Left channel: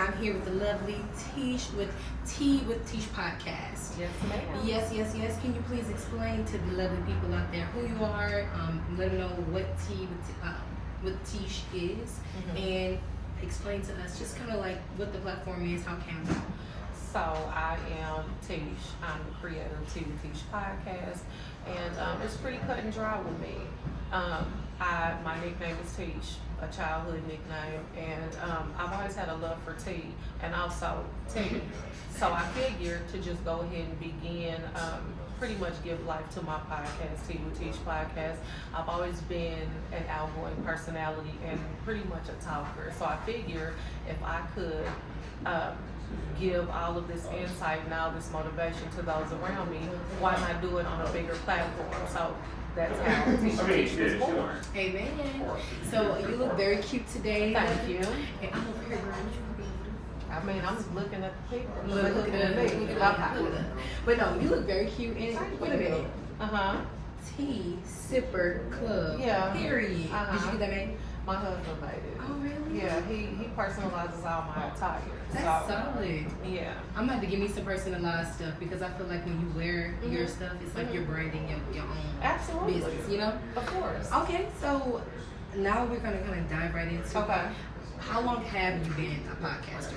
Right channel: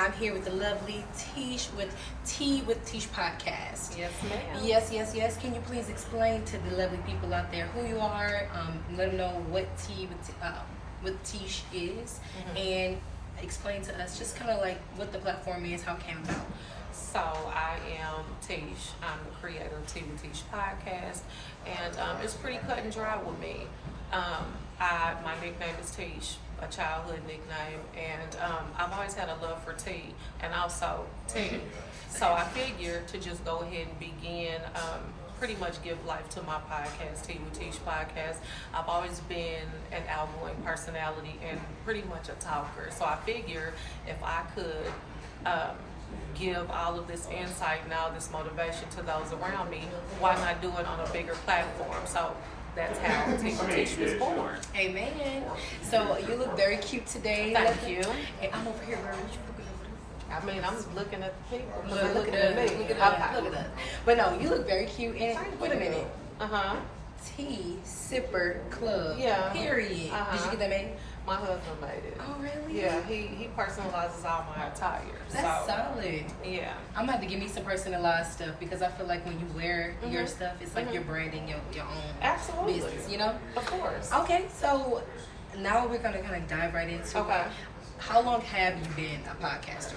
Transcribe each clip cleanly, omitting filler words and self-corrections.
I'm here with the lovely Teash with Tea with Teash podcast. Yes, ma'am. Yes. Can you please explain to the lovely people out there who you are? Let them know what Tea with Teash is, and explain to us just kind of like what the platform is, how it came about. So I am Teash. I'm the creator of Tea with Teash podcast, and it's pretty cut and dry with me. My nickname is Teash, a childhood nickname, and I've always had a love for tea and also tea. So I figured to just go ahead and begin, pretty much give life to my podcast, Tea with Teash podcast. I've always been an outgoing personality and pretty much a talker. So I figured if I could give all of this insight and all this motivation to those around me, why not do it on a bigger platform? So that's how Tea with Teash was born. Amen. So you look very cute today. Thank you. And I'm over here wearing what you looking over. I mean, I'm just looking at the people. Well, look at me. Look at us. But no, you look very cute. And wait a minute. Tea Sipper Club. Yeah. Period. Did you get that made? My husband made it. Oh, really? Yeah, he personalizes all my attire. That's solid. Yeah. I'm gonna have to give me some personalized stuff because I feel like when you wear your stuff, it's like you're branding your own Absolutely. business, you know? Of course. Okay, so now we're gonna kind of dive right into Okay. How long have you been a podcaster?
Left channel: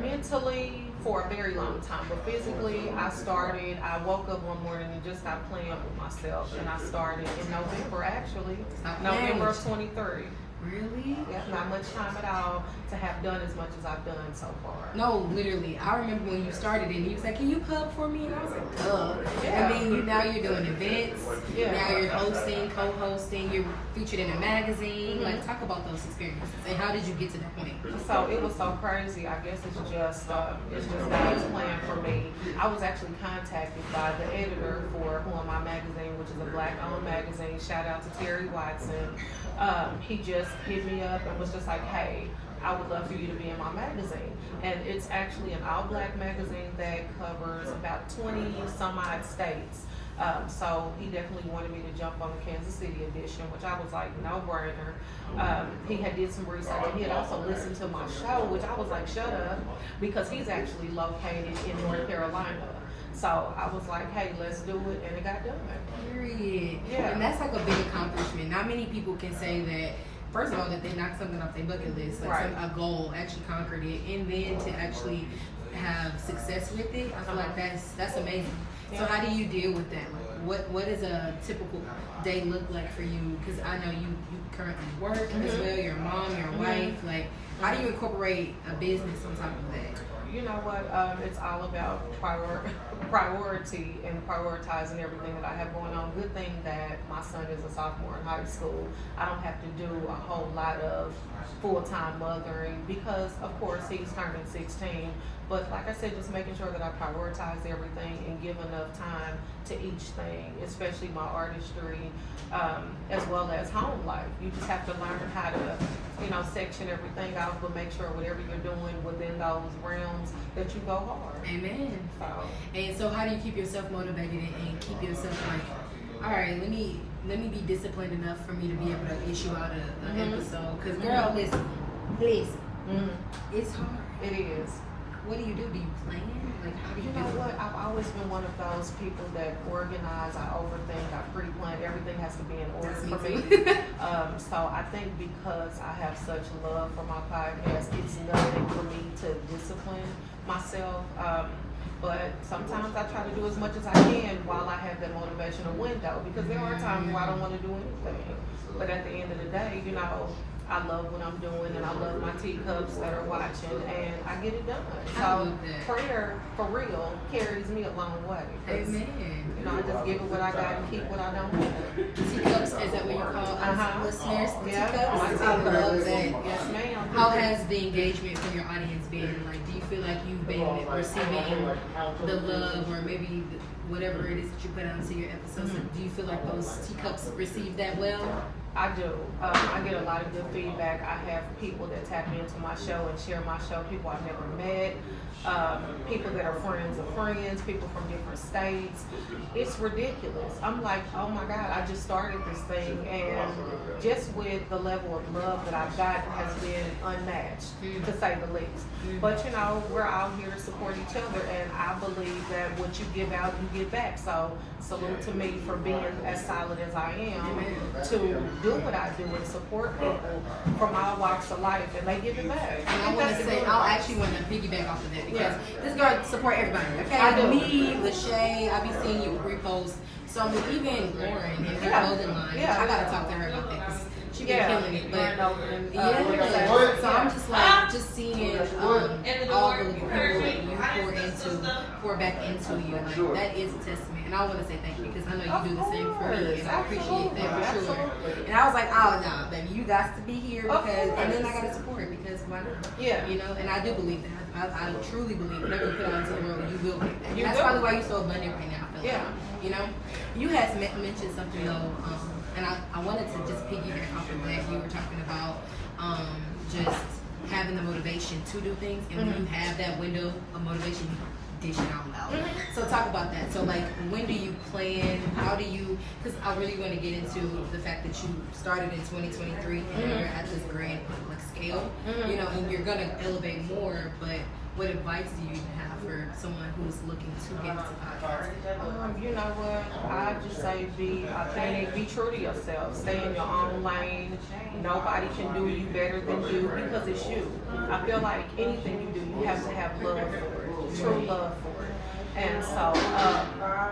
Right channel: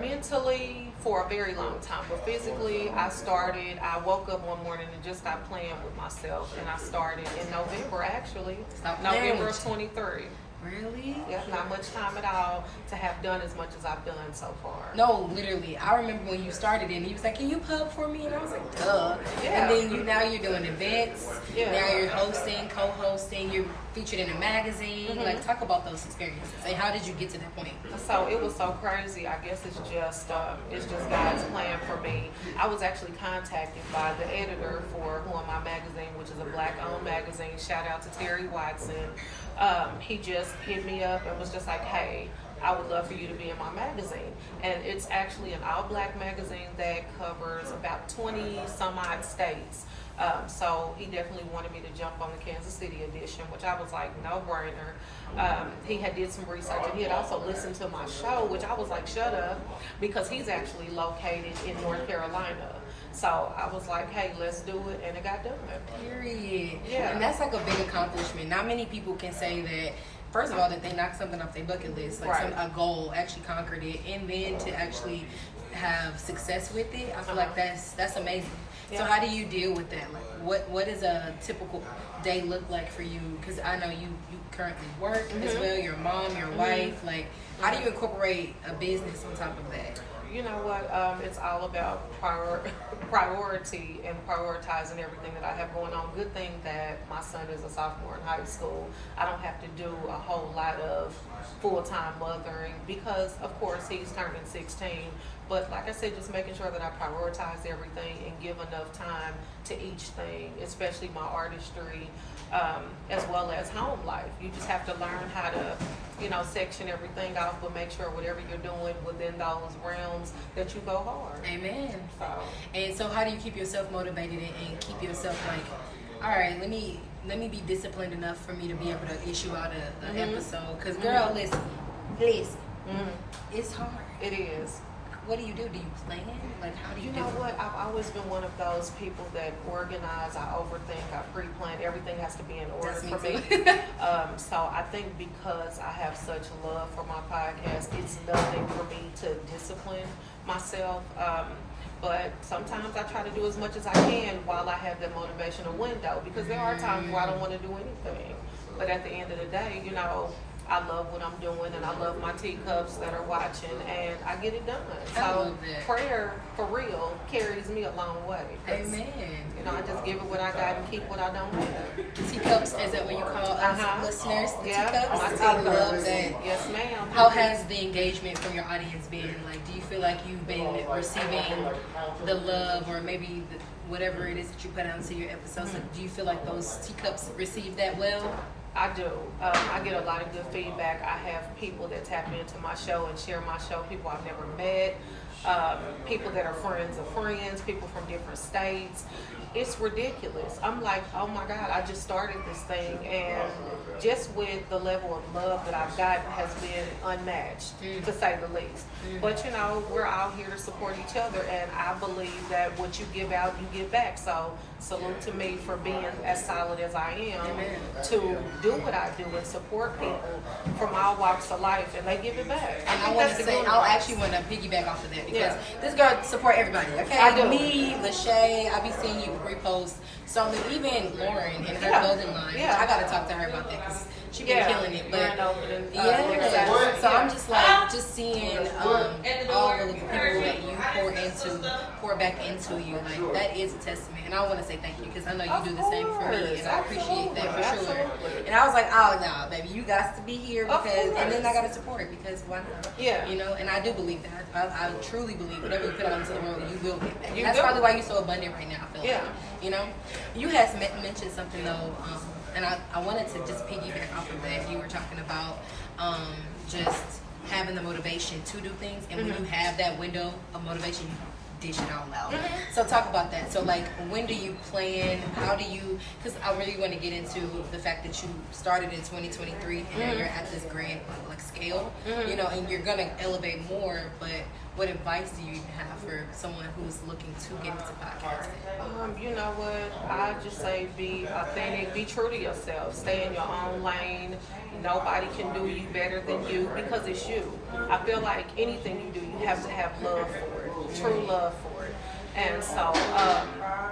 Mentally for a very long time, but physically I woke up one morning and just got playing with myself, and I started in November actually. November of 23. Really? Yeah, not much time at all to have done as much as I've done so far. No, literally. I remember when you started it and he was like, "Can you pub for me?" And I was like, "Duh." Yeah. And then now you're doing events. Yeah. Now you're hosting, co-hosting. You're featured in a magazine. Like, talk about those experiences and how did you get to that point? So it was so crazy. I guess it's just God's plan for me. I was actually contacted by the editor for Who Am I magazine, which is a Black-owned magazine. Shout out to Terry Watson. He just hit me up and was just like, "Hey, I would love for you to be in my magazine." And it's actually an all-black magazine that covers about 20 some odd states. So he definitely wanted me to jump on the Kansas City edition, which I was like, no brainer. He had did some research and he had also listened to my show, which I was like, shut up, because he's actually located in North Carolina. So I was like, hey, let's do it, and it got done. Period. Yeah. And that's like a big accomplishment. Not many people can say that, first of all, that they knocked something off their bucket list, like Right. a goal, actually conquered it, and then to actually have success with it. I feel like that's amazing. Yeah. So how do you deal with that? Like, what does a typical day look like for you? Because I know you currently work as well. You're a mom, you're a wife. Like, how do you incorporate a business on top of that? You know what? It's all about priority and prioritizing everything that I have going on. Good thing that my son is a sophomore in high school. I don't have to do a whole lot of full-time mothering because, of course, he's turning 16. But like I said, just making sure that I prioritize everything and give enough time to each thing, especially my artistry, as well as home life. You just have to learn how to, section everything off, but make sure whatever you're doing within those realms that you go hard. Amen. So, And so how do you keep yourself motivated and keep yourself like, all right, let me be disciplined enough for me to be able to issue out an episode? Because girl, listen, it's hard. it is. What do you do? Do you plan? Like, how do you You know do what? I've always been one of those people that organize, I overthink, I pre-plan. Everything has to be in order That's me for me. too. So I think because I have such love for my podcast, it's nothing for me to discipline myself. But sometimes I try to do as much as I can while I have that motivational window, because there are times where I don't want to do anything. But at the end of the day, I love what I'm doing, and I love my teacups that are watching, and I get it done. I So love that. prayer, for real, carries me a long way. 'Cause, Amen. I just give it what I got and keep what I don't have. Teacups, is that what you call us listeners? Yeah, Teacups? my I teacups. love that. Yes, ma'am. How has the engagement from your audience been? Like, do you feel like you've been receiving the love, or maybe whatever it is that you put out into your episodes? Like, do you feel like those teacups receive that well? I do. I get a lot of good feedback. I have people that tap into my show and share my show, people I've never met. people that are friends of friends, people from different states. It's ridiculous. I'm like, oh my God, I just started this thing, and just with the level of love that I've got has been unmatched, to say the least. But you know, we're out here to support each other, and I believe that what you give out, you give back. So salute to me for being as solid as I am to do what I do and support people from all walks of life, and they give it back. And I want to say, I actually want to piggyback off of that because this girl support everybody. Okay, I do. Me, Lachey, I be seeing you repost. So even Lauren in her clothing line, I gotta talk to her about that because she been killing it. But so I'm just like seeing all of the people that you pour back into you. Like that is a testament, and I want to say thank you because I know you do the same for me, and I appreciate that for sure. And I was like, oh no, baby, you got to be here because, and then I gotta support because why not? Yeah, you know, and I do believe that. I truly believe whatever you put out into the world, you will get back. That's probably why you're so abundant right now. I feel like, you know, you had mentioned something though, and I wanted to just piggyback off of that. You were talking about just having the motivation to do things, and when you have that window of motivation, you dish it out loud. So talk about that. So like, when do you plan? How do you? Because I really want to get into the fact that you started in 2023 and now you're at this grand like scale, you know, and you're gonna elevate more. But what advice do you even have for someone who's looking to get into podcasting? You know what? I just say be authentic, be true to yourself, stay in your own lane. Nobody can do you better than you because it's you. I feel like anything you do, you have to have love for it, true love for it. And so,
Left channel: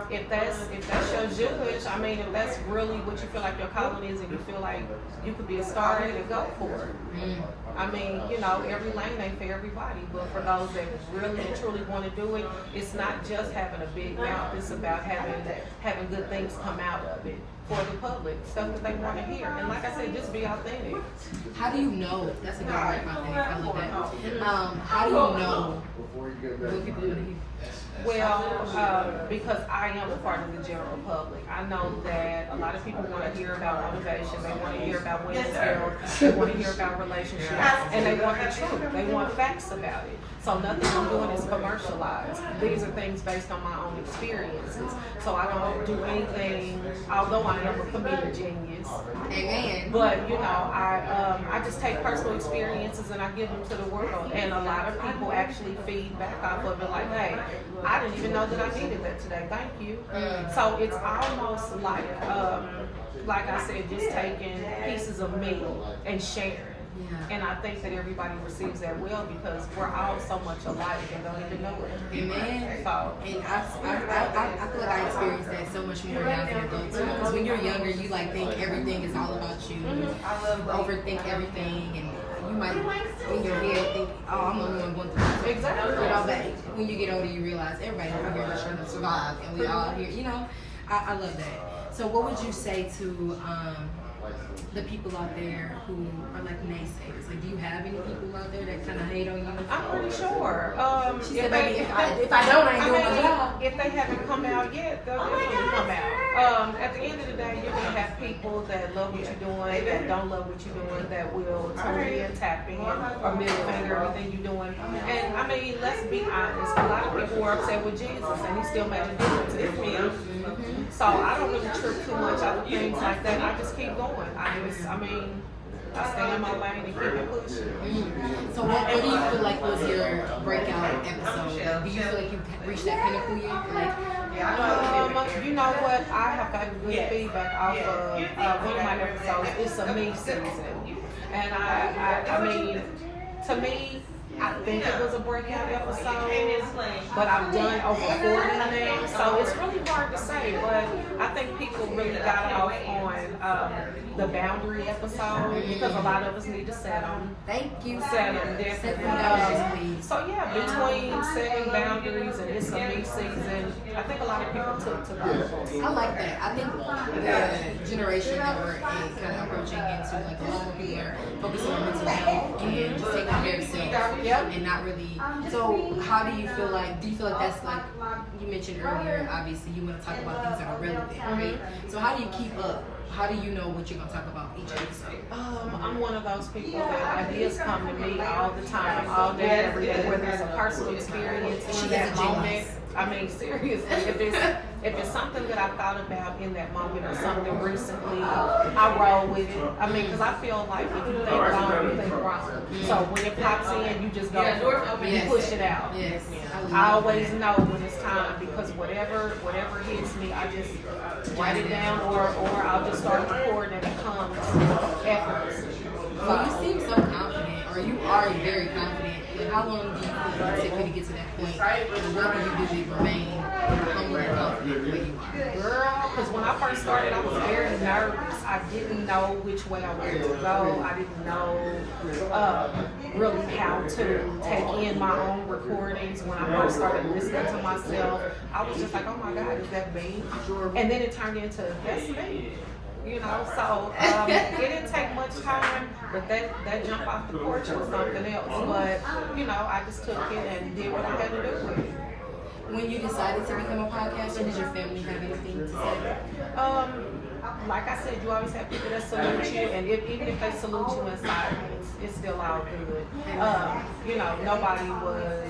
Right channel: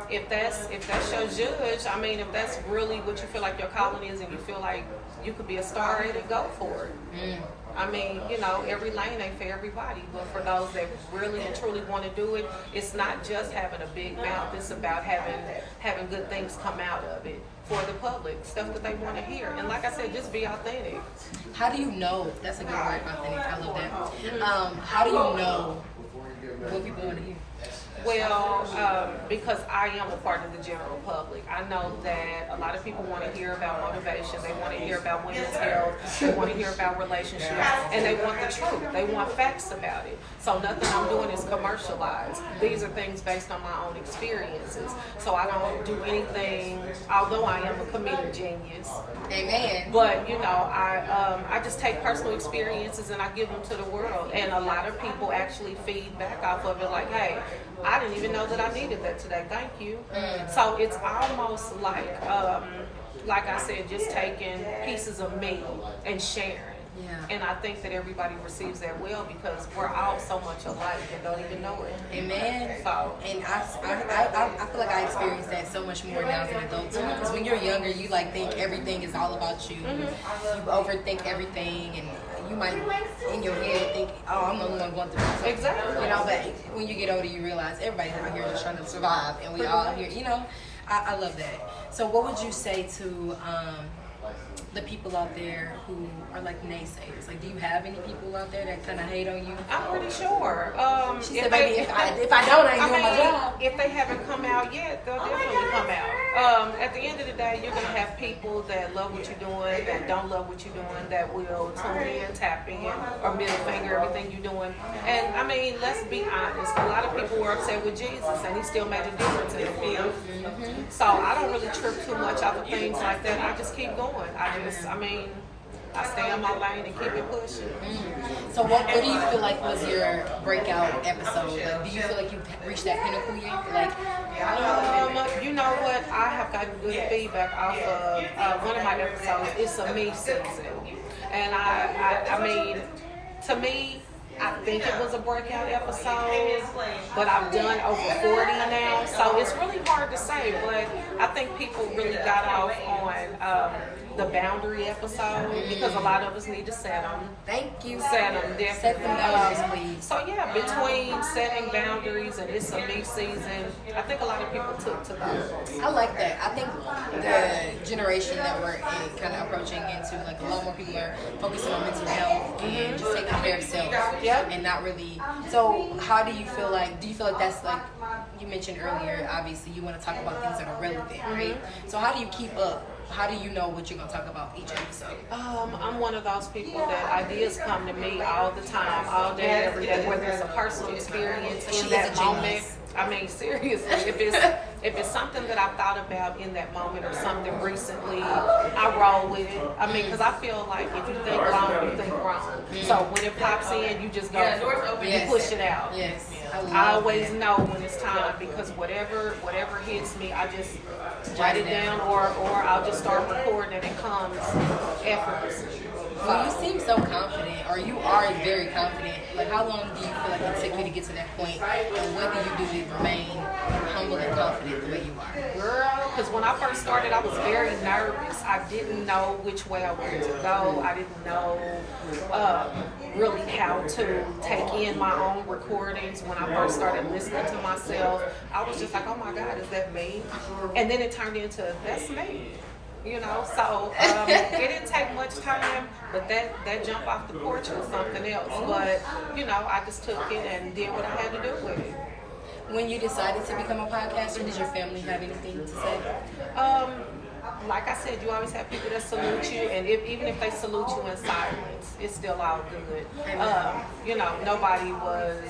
if that's your judge, I mean, if that's really what you feel like your calling is, and you feel like you could be a star, then go for it. I mean, you know, every lane ain't for everybody, but for those that really and truly want to do it, it's not just having a big mouth. It's about having good things come out of it for the public, stuff that they want to hear. And like I said, just be authentic. How do you know? That's a good word, authentic. I love that. How do you know what people want to hear? Well, because I am a part of the general public, I know that a lot of people want to hear about motivation. They want to hear about women's health. They want to hear about relationships, and they want the truth. They want facts about it. So nothing I'm doing is commercialized. These are things based on my own experiences. So I don't do anything. Although I am a comedic genius, amen. But you know, I just take personal experiences and I give them to the world. And a lot of people actually feed back off of it, like, hey, I didn't even know that I needed that today. Thank you. So it's almost like I said, just taking pieces of me and sharing. Yeah. And I think that everybody receives that well because we're all so much alike and don't even know it. Amen. So, and I feel like I experience that so much more now as an adult too. Because when you're younger, you like think everything is all about you. You overthink everything, and you might in your head think, oh, I'm the only one going through this. Exactly. You know, but when you get older, you realize everybody out here is trying to survive, and we all here. You know, I love that. So, what would you say to the people out there who are like naysayers? Like, do you have any people out there that kind of hate on you? I'm pretty sure. She said, maybe if I don't, I ain't doing my job. If they haven't come out yet, they'll definitely come out. At the end of the day, you're gonna have people that love what you're doing, that don't love what you're doing, that will tune in, tap in, or middle finger everything you're doing. And I mean, let's be honest. A lot of people were upset with Jesus, and he still made a difference in them. So I don't really trip too much off of things like that. I just keep going. I stay in my lane and keep it pushing. So what do you feel like was your breakout episode? Like, do you feel like you reached that pinnacle yet? Like, you know what? I have gotten good feedback off of one of my episodes. It's a me season. And I mean, to me, I think it was a breakout episode, but I've done over 40 now, so it's really hard to say, but I think people really got off on the boundary episode because a lot of us need to set them. Thank you. Set them, definitely. Set them boundaries, please. So yeah, between setting boundaries and it's a me season, I think a lot of people took to those. I like that. I think the generation that we're in, kind of approaching into, like, a lot more people are focusing on mental health and just taking care of self. Yep. And not really. So how do you feel like? Do you feel like that's like you mentioned earlier? Obviously, you want to talk about things that are relevant, right? So how do you keep up how do you know what you're gonna talk about each episode? I'm one of those people that ideas come to me all the time, all day, every day, whether it's a personal experience in that moment. I mean, seriously, if it's something that I've thought about in that moment or something recently, I roll with it. I mean, because I feel like if you think wrong, you think wrong. So when it pops in, you just go for it. You push it out. Yes. I always know when it's time because whatever hits me, I just write it down or I'll just start recording and it comes effortlessly. Well, you seem so confident, or you are very confident. Like, how long do you feel like it took you to get to that point? And what do you do to remain humble and confident the way you are? Girl, because when I first started, I was very nervous. I didn't know which way I wanted to go. I didn't know really how to take in my own recordings. When I first started listening to myself, I was just like, oh my God, is that me? And then it turned into, that's me. You know, so it didn't take much time, but that jump off the porch was something else. But, you know, I just took it and did what I had to do with it. When you decided to become a podcaster, did your family have anything to say? Like I said, you always have people that salute you, and even if they salute you in silence, it's still all good. You know, nobody was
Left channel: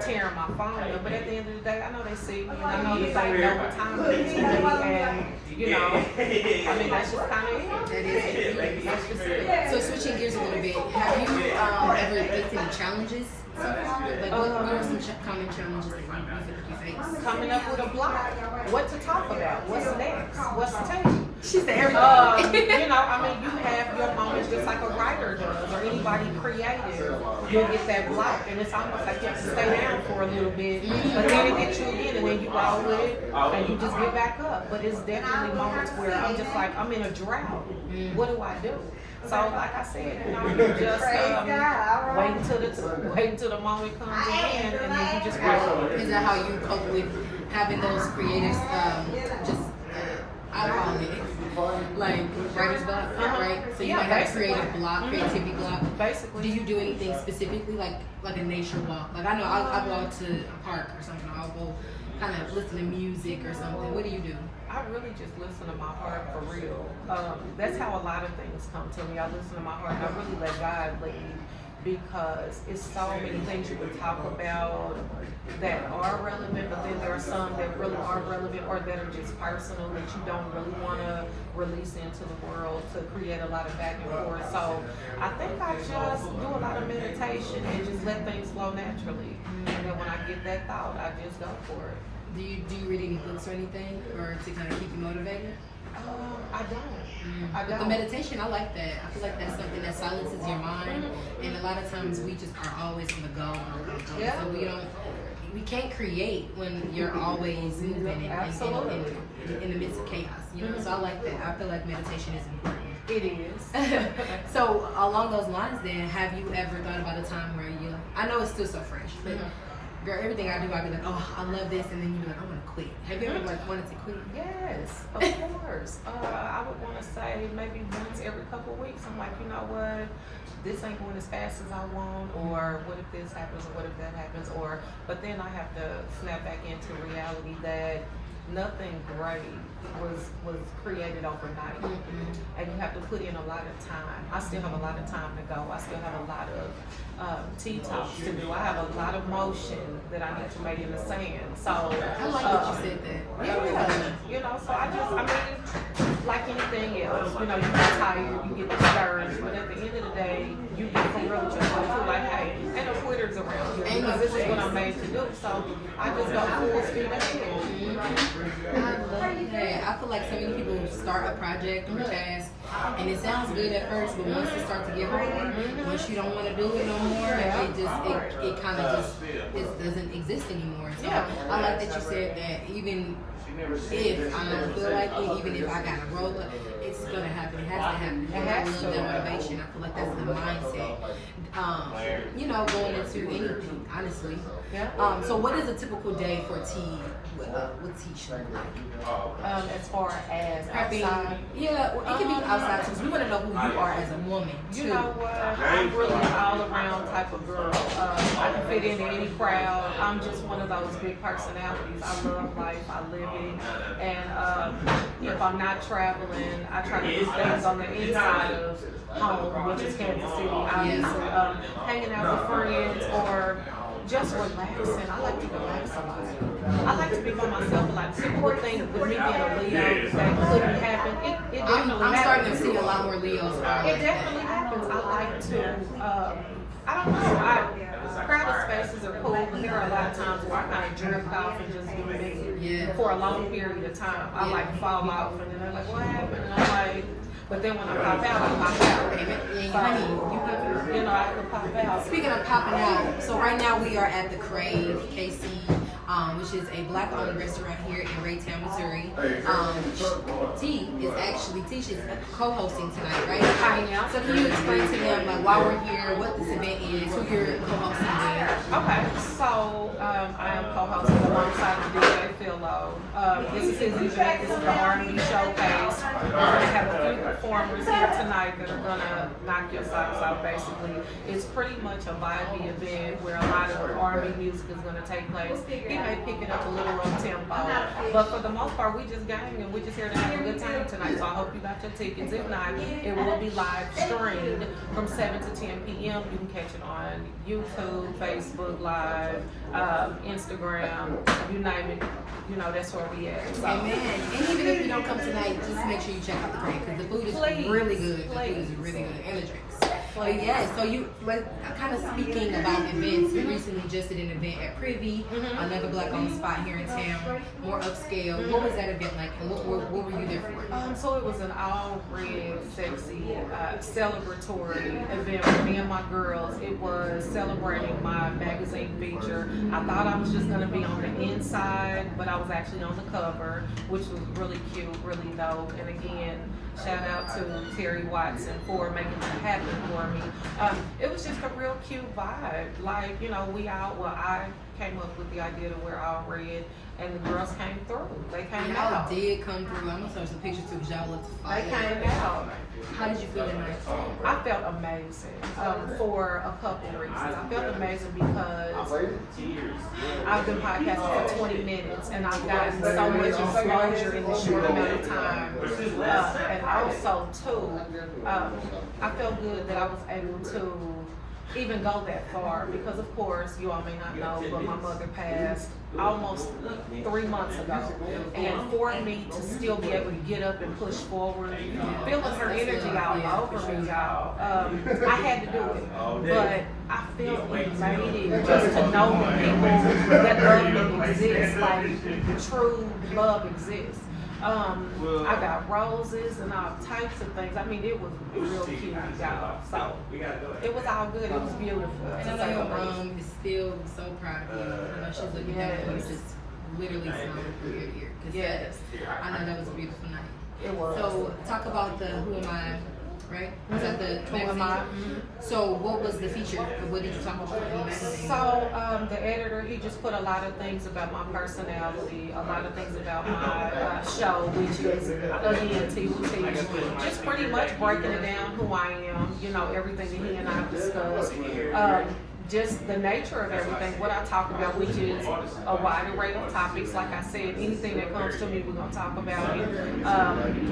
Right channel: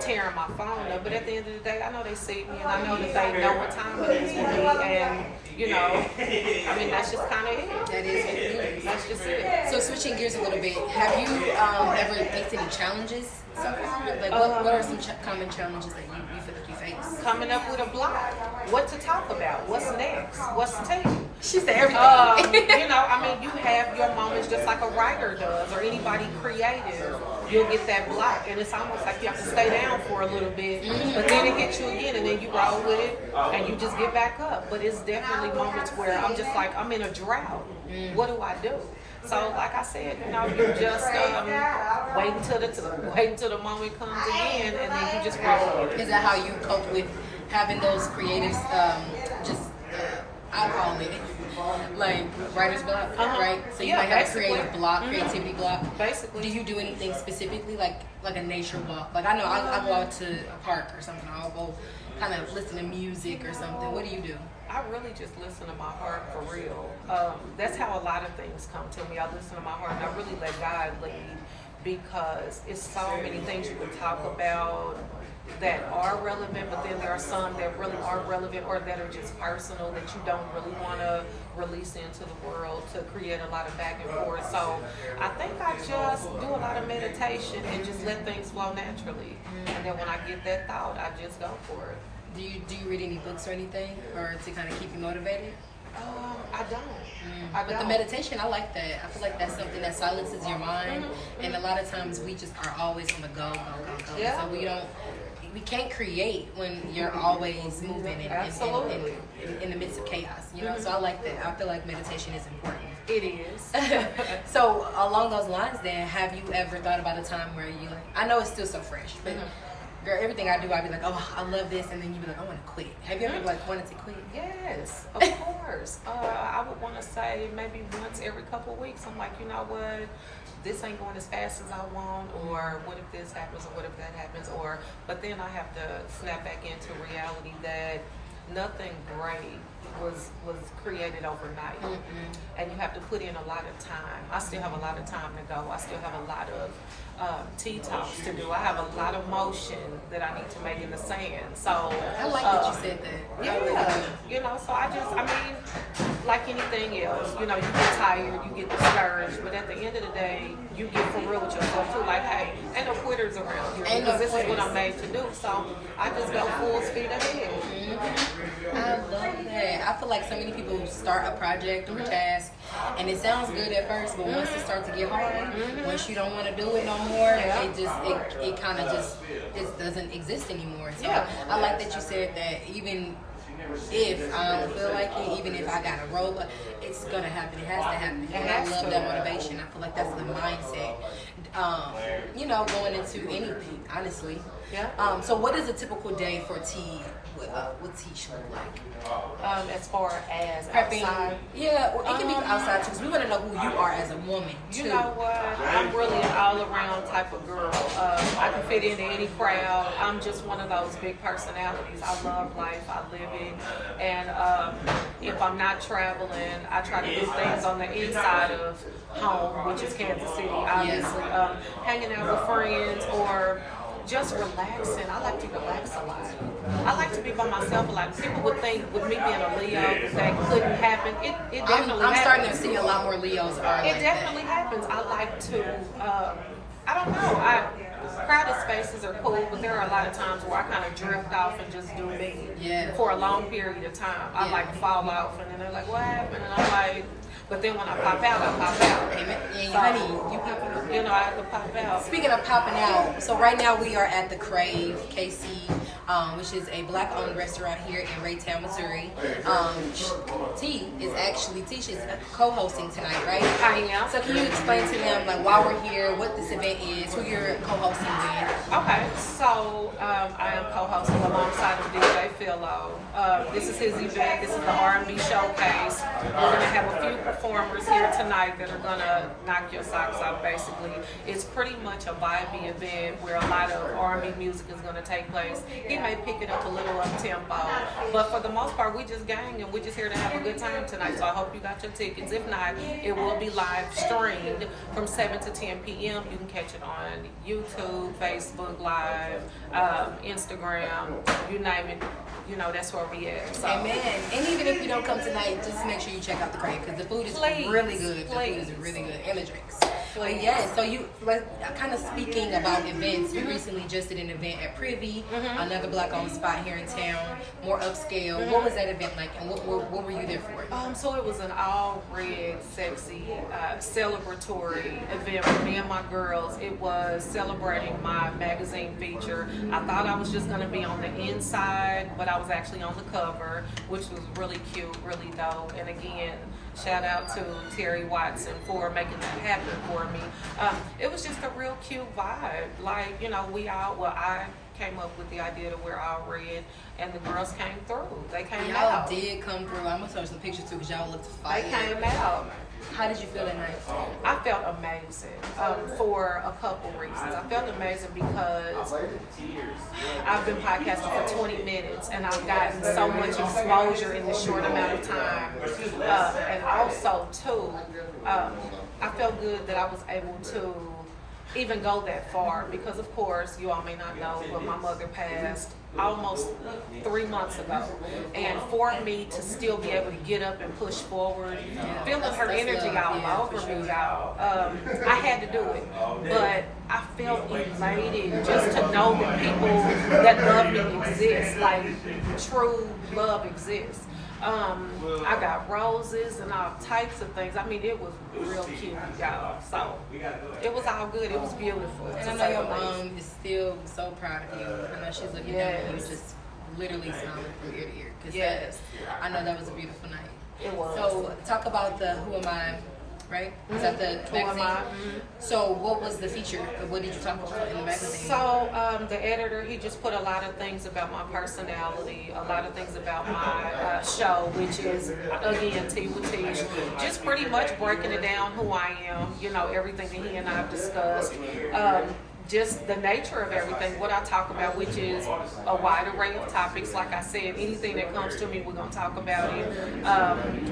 tearing my phone up, but at the end of the day, I know they see me, and I know that they know what time it is for me, and you know, I mean, that's just kind of it. That is it. That's just it. So switching gears a little bit, have you ever faced any challenges so far? Like, what are some common challenges that you feel like you face? Coming up with a block. What to talk about? What's next? What's to tell you? She said everything. You know, I mean, you have your moments just like a writer does or anybody creative. You'll get that block, and it's almost like you have to stay down for a little bit, but then it hits you again, and then you roll with it, and you just get back up. But it's definitely moments where I'm just like, I'm in a drought. What do I do? So, like I said, you know, you just wait until the moment comes again, and then you just roll with it. Is that how you cope with having those creatives? I'll call it like writer's block, right? So you might have a creative block, creativity block. Basically. Do you do anything specifically, like a nature walk? Like, I know I'll go out to a park or something. I'll go kind of listen to music or something. What do you do? I really just listen to my heart for real. That's how a lot of things come to me. I listen to my heart and I really let God lead because it's so many things you would talk about that are relevant, but then there are some that really aren't relevant or that are just personal that you don't really want to release into the world to create a lot of back and forth. So I think I just do a lot of meditation and just let things flow naturally. And then when I get that thought, I just go for it. Do you read any books or anything, or to kind of keep you motivated? I don't. But the meditation, I like that. I feel like that's something that silences your mind, and a lot of times we just are always on the go. Yeah. So we can't create when you're always moving and in the midst of chaos. You know, so I like that. I feel like meditation is important. It is. So along those lines, then, have you ever thought about a time where you like? I know it's still so fresh, but. Girl, everything I do, I'd be like, oh, I love this, and then you'd be like, I want to quit. Have you ever wanted to quit? Yes, of course. I would want to say maybe once every couple of weeks. I'm like, you know what? This ain't going as fast as I want, or what if this happens, or what if that happens, but then I have to snap back into reality that nothing great was created overnight, and you have to put in a lot of time. I still have a lot of time to go. I still have a lot of tea talks to do. I have a lot of motion that I need to make in the sand. So I like that you said that. Yeah, you know. So I mean, like anything else, you know, you get tired, you get discouraged, but at the end of the day, you get for real with yourself too. Like, hey, ain't no quitters around here because this is what I'm made to do. So I just go full speed ahead. I love that. I feel like so many people start a project or a task, and it sounds good at first, but once it starts to get hard, once you don't want to do it no more, it kind of just it doesn't exist anymore. So I like that you said that even if I don't feel like it, even if I got to roll up, it's gonna happen. It has to happen. And I love that motivation. I feel like that's the mindset. You know, going into anything, honestly. Yeah. So what is a typical day for T with Teash look like? As far as Prepping, outside. yeah, well, it can be outside too, because we want to know who you are as a woman too. You know what? I'm really an all-around type of girl. I can fit into any crowd. I'm just one of those big personalities. I love life. I live it. And if I'm not traveling, I try to do things on the inside of home, which is Kansas City, obviously. Hanging out with friends or just relaxing. I like to relax a lot. I like to be by myself a lot. People would think with me being a Leo that couldn't happen. It definitely I'm happens. starting to see a lot more Leos. It definitely happens. I like to, I don't know, crowded spaces are cool, but there are a lot of times where I kind of drift off and just do me for a long period of time. I like fall off and then they're like, what happened? And I'm like, but then when I pop out, I pop out. Yeah, honey, you pop. You know, I have to pop out. Speaking of popping out, so right now we are at the Crave KC, which is a black-owned restaurant here in Raytown, Missouri. Teash is co-hosting tonight, right? I am. So can you explain to them like why we're here, what this event is, who you're co-hosting with? Okay, so I am co-hosting alongside of DJ Philo. This is his event. This is the R&B showcase. We're going to have a few performers here tonight that are going to knock your socks off, basically. It's pretty much a vibey event where a lot of R&B music is going to take place. He may pick it up a little up-tempo, but for the most part, we just gang and we're just here to have a good time tonight. So I hope you got your tickets. If not, it will be live streamed from 7 to 10 p.m. You can catch it on YouTube, Facebook Live, Instagram, you name it. You know, that's where we at. So. Amen. And even if you don't come tonight, just make sure you check out the Crave because the food is really good. The food is really good, and the drinks. But yeah, so you kind of speaking about events. You recently just did an event at Privy, another black-owned spot here in town, more upscale. What was that event like, and what were you there for? So it was an all-red, sexy, celebratory event for me and my girls. It was celebrating my magazine feature. I thought I was just going to be on the inside, but I was actually on the cover, which was really cute, really dope. And again, shout out to Terry Watson for making that happen for me. It was just a real cute vibe. Like, you know, I came up with the idea to wear all red, and the girls came through. They came out. Y'all did come through. I'm gonna show some pictures too, because y'all looked fire. They came out. How did you feel that night? I felt amazing for a couple reasons. I felt amazing because I've been podcasting for 20 minutes and I've gotten so much exposure in this short amount of time. And also, too, I felt good that I was able to even go that far because, of course, you all may not know, but my mother passed almost 3 months ago, and for me to still be able to get up and push forward, feeling her energy all over me, y'all, I had to do it, but I felt elated just to know that people that love me exist, like true love exists. I got roses and all types of things. I mean, it was real cute, y'all. So it was all good. It was beautiful. And I know your mom is still so proud of you. I know she's looking at you, just literally smiling from ear to ear. Yes. I know that was a beautiful night. It was. So talk about the Who Am I, right? Was that the magazine? So what was the feature? What did you talk about in the magazine? So the editor, he just put a lot of things about my personality, a lot of things about my show, which is, again, Tea with Teash. Just pretty much breaking it down, who I am, you know, everything that he and I have discussed. Just the nature of everything, what I talk about, which is a wide array of topics. Like I said, anything that comes to me, we're going to talk about it.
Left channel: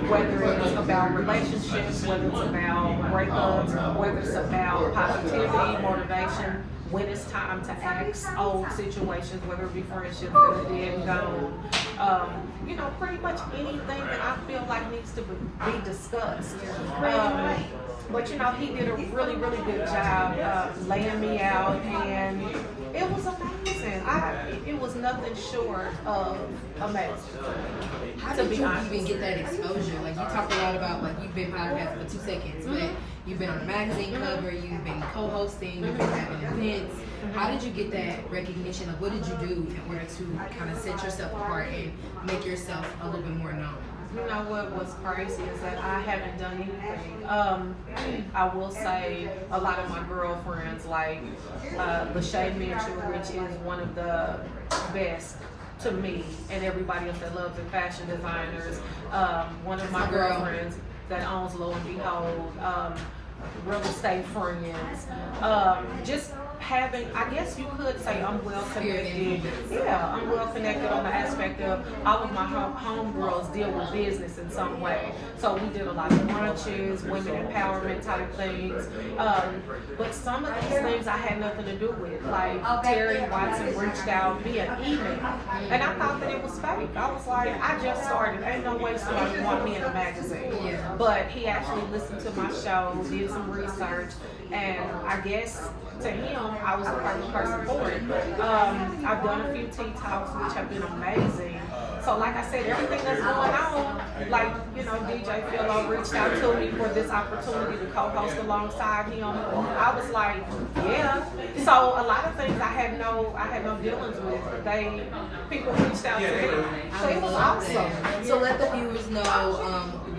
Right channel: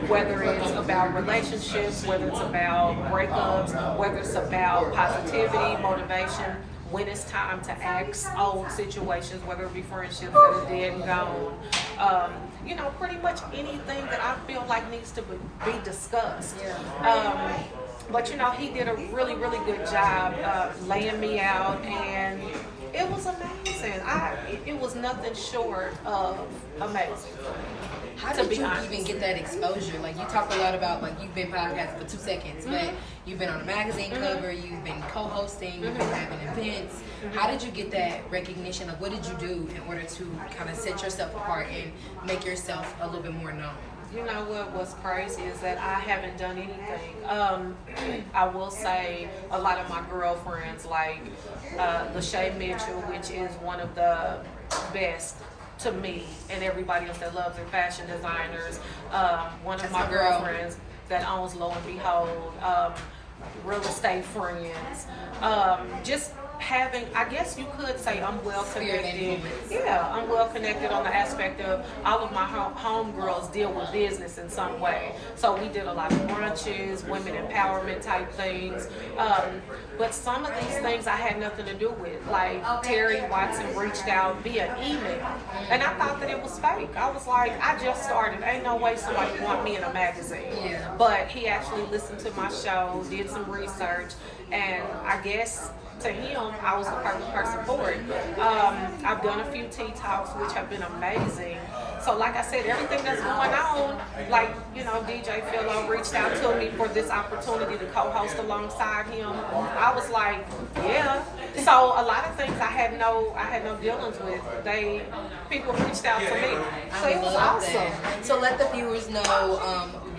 Whether it's about relationships, whether it's about breakups, whether it's about positivity, motivation, when it's time to axe old situations, whether it be friendships that are dead and gone. You know, pretty much anything that I feel like needs to be discussed. But you know, he did a really, really good job laying me out, and it was amazing. It was nothing short of amazing. How to did be you honest. even get that exposure? Like, you talk a lot about, like, you've been podcasting for 2 seconds, but you've been on a magazine cover, you've been co-hosting, you've been having events. How did you get that recognition? Like, what did you do in order to kind of set yourself apart and make yourself a little bit more known? You know what's crazy is that I haven't done anything. I will say a lot of my girlfriends, like Lachey Mitchell, which is one of the best to me, and everybody else that loves it, fashion designers. One of That's my my girl. girlfriends that owns Lo and Behold, real estate friends. Just having, I guess you could say I'm well connected. Yeah, I'm well connected on the aspect of all of my homegirls deal with business in some way. So we did a lot of brunches, women empowerment type things. But some of these things I had nothing to do with. Like Terry Watson reached out via email, and I thought that it was fake. I was like, I just started. Ain't no way somebody want me in a magazine. Yeah. But he actually listened to my show, did some research, and I guess to him, I was the perfect person for it. I've done a few tea talks, which have been amazing. So like I said, everything that's going on, like, you know, DJ Philo reached out to me for this opportunity to co-host alongside him. I was like, yeah. So a lot of things I had no dealings with. People reached out to me. So it was awesome. That. So let the viewers know,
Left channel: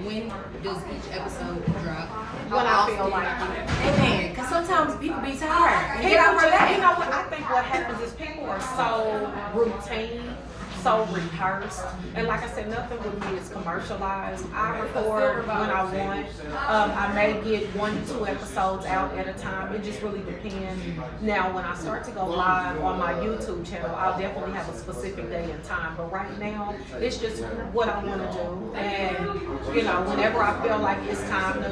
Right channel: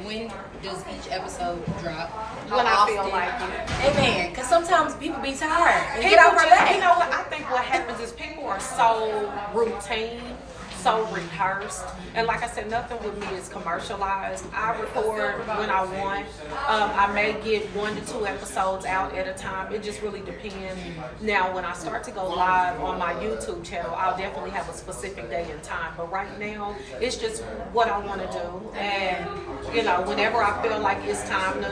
when does each episode drop? When I feel like it. Amen. Because sometimes people be tired. And People get off just, our back. you know what? I think what happens is people are so routine, so rehearsed, and like I said, nothing with me is commercialized. I record when I want. I may get 1 to 2 episodes out at a time. It just really depends. Now, when I start to go live on my YouTube channel, I'll definitely have a specific day and time. But right now, it's just what I want to do, and you know, whenever I feel like it's time to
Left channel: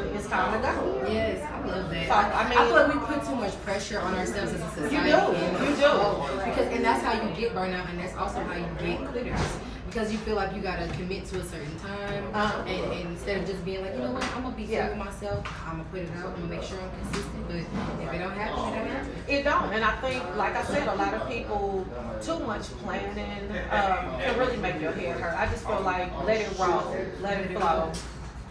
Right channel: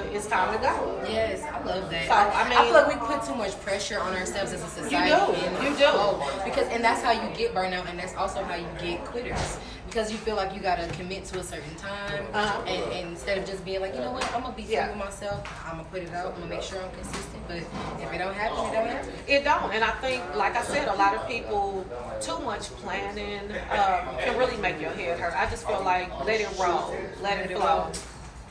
go. Yes, I love that. So, I mean, I feel like we put too much pressure on ourselves as a society. You do. And that's how you get burnout, and that's also how you get quitters. Because you feel like you got to commit to a certain time, and instead of just being like, you know what, I'm going to be fair with myself, I'm going to put it out, I'm going to make sure I'm consistent, but if it don't happen, it don't happen. It don't, and I think, like I said, a lot of people, too much planning can really make your head hurt. I just feel like let it roll, let it flow.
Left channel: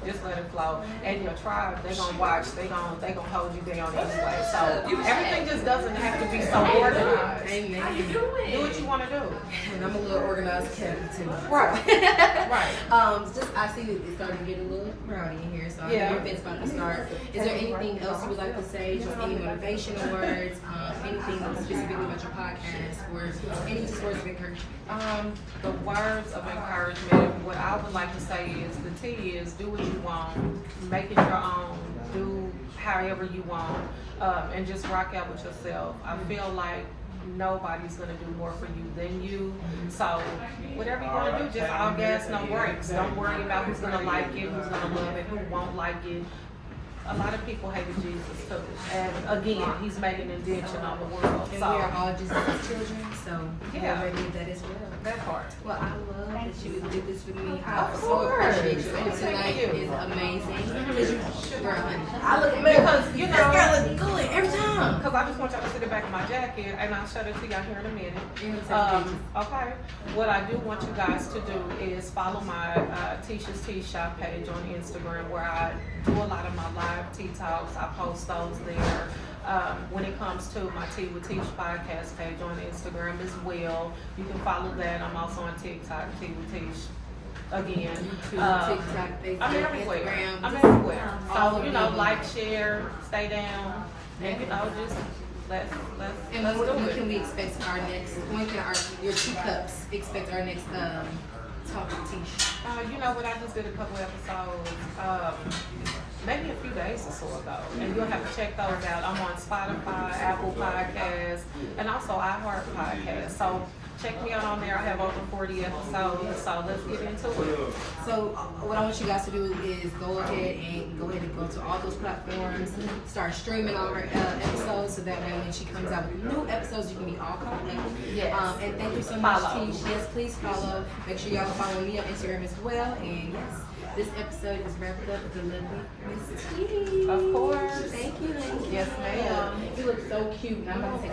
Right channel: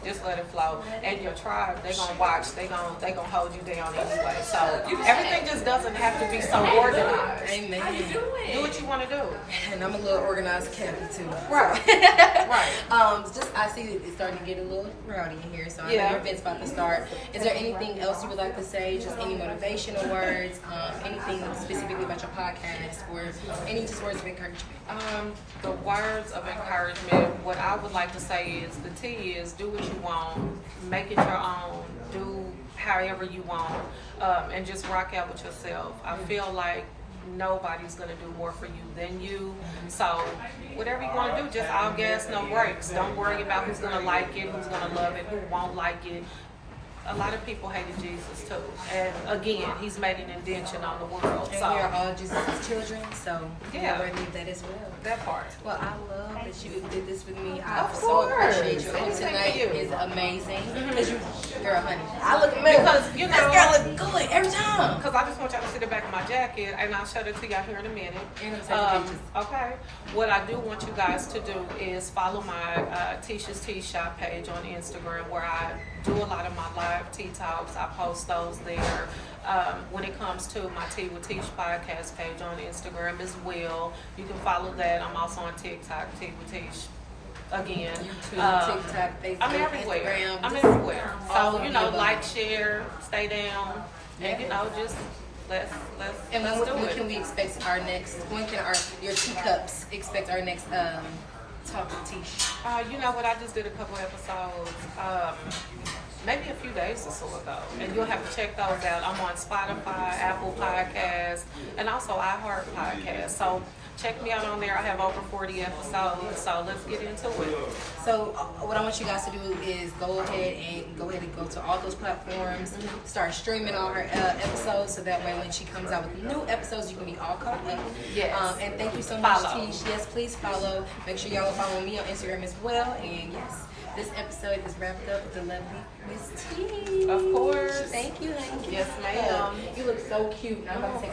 Just let it flow. And your tribe, they're gonna watch, they gonna hold you down anyway. So everything just doesn't have to be so organized. Amen. Do what you wanna do. And I'm a little organized cat too. Right. Right. Just I see that it's starting to get a little rowdy in here, so I know Yeah. your event's about to start. Is there anything else you would like to say? Just any motivational words? Anything specifically about your podcast, or any just words of encouragement? The words of encouragement, what I would like to say is the T is do what you want, make it your own, do however you want, and just rock out with yourself. I feel like nobody's gonna do more for you than you. So whatever you wanna do, just all gas, no brakes. Don't worry about who's gonna like it, who's gonna love it, who won't like it. A lot of people hated Jesus too, and again, he's made an indention on the world. And So we are all Jesus' children, so Yeah. we believe that as well. that part. Well, I love that you did this with me. I Of so course. appreciate you. And Thank tonight you. is amazing. Because you, girl, honey, I look amazing. Because, you know, this girl look good every time. Because I just want y'all to see the back of my jacket, and I'll show it to y'all here in a minute. Anytime. Okay. What I do want you guys to do is follow my Teash's Tea Shop page on Instagram, where I do a lot of my live tea talks. I post those there. When it comes to my Tea with Teash podcast page on Instagram as well, you can follow that. I'm also on TikTok, Tea with Teash. Again, YouTube, TikTok, Facebook, I'm everywhere. Instagram. I'm just everywhere. all So over you the know, above. like, share, stay down, and you know, just let's And let's when do it. can we expect our next? When can your 2 cups expect our next talk with Teash? You know what? I just did a couple episodes, maybe a few days or so ago, and you'll have to check those out. I'm on Spotify, Apple Podcasts, and also iHeart Podcasts. So check me out on there. I have over 40 episodes. So let's get into it. So what I want you guys to do is go ahead and go to all those platforms, start streaming all her episodes, so that way when she comes out with new episodes, you can be all caught up. Yes. And thank you so much, Follow. Teash. Yes, please follow. Make sure y'all follow me on Instagram as well. And yes, this episode is wrapped up with the lovely Miss Teash. Of course. Thank you, honey. Yes, ma'am. You look so cute. I'm about to take